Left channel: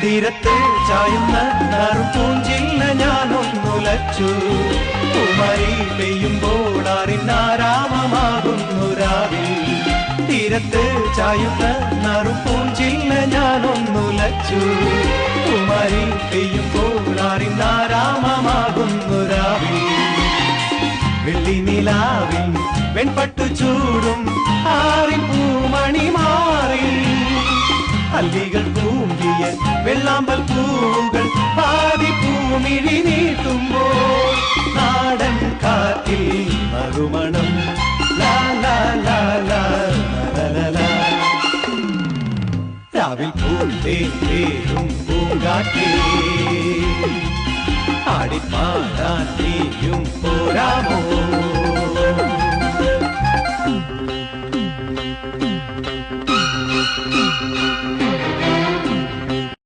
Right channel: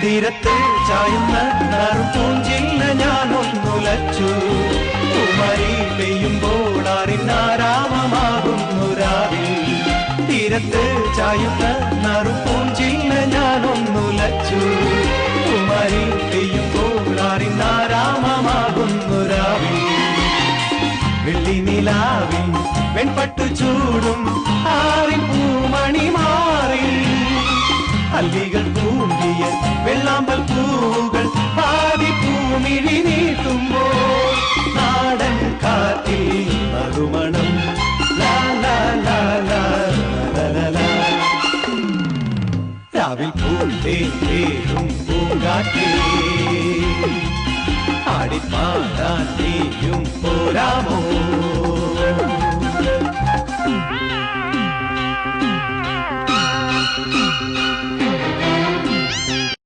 തീരത്തെ ചായുന്ന നറുപൂഞ്ചില്ല ഞാനൊന്നുലച്ചു കുമരി പെയ്യുമ്പോൾ അറിഞ്ഞാരാമമാകുന്നു രാവിൽ തീരത്തെ ചായുന്ന നറുപൂഞ്ചില്ല ഞാനൊന്നുലച്ചു കുമരി പെയ്യുമ്പോൾ അറിഞ്ഞാരാമമാകുന്നു രാവിൽ വെള്ളി നിലാവിൽ വെൺപട്ടു ചൂടും ആരിൻ പൂമണി മാറി അല്ലികൾ പൂങ്കിയ വെള്ളാമ്പൽ പൂവുകൾ പാതി പൂമിഴി നീട്ടുമ്പോൾ നാടൻ കാറ്റിൽ നറുമണം ലാ ലാ ലാ ലാ ലാ രാവിൽ പൂന്തേരും പൂങ്കാറ്റേ ആടിപ്പാടാൻ നീയും പോരാമോ